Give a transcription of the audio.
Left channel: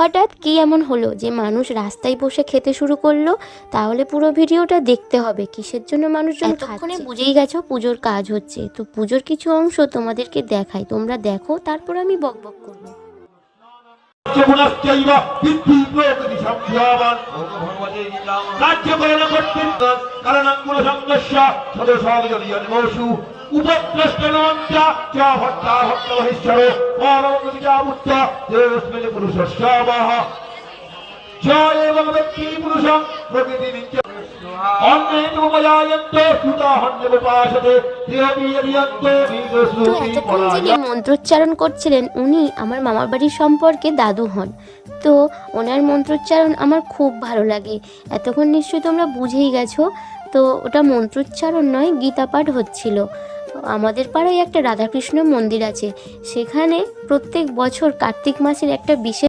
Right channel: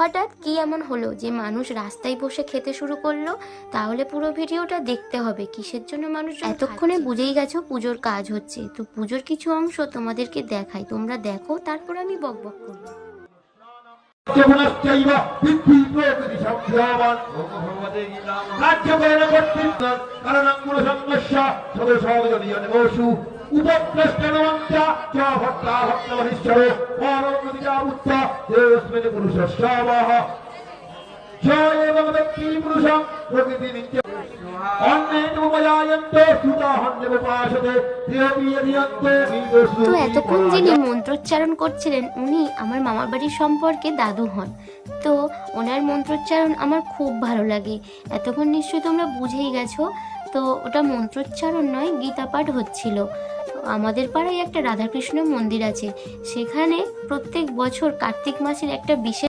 হঠাৎ কি এমন হলো যে মানুষ রাস্তায় বসে খেতে শুরু করলো? তাহলে পুরো ভিডিওটা দেখতে হবে। কিসের জন্য মানুষজন এতক্ষণে বুঝেই গেছো পুজোর কাজ হচ্ছে। তো পুজোর কিছু অংশ তোমাদেরকে দেখাই, তোমরা দেখো, তারপর আমি বকবক করবো। তো এতক্ষণ যিনি মন্ত্রোচ্চারণ করছিলেন উনি আমার মামার বাড়ির সম্পর্কে দাদু হন। তো ওনার মন্ত্রোচ্চারণ আমার খুব ভালো লাগে। এতক্ষণ নিশ্চয়ই তোমরা বুঝেই গেছো। তো ওটা মন্ত্রোচ্চারণ নয়, গীতা পাঠ হচ্ছিল। আমাদের পাড়ায় একটা রাধাকৃষ্ণ মন্দির আছে, সেখানে প্রত্যেক বছর কার্তিক মাসের একটা বিশেষ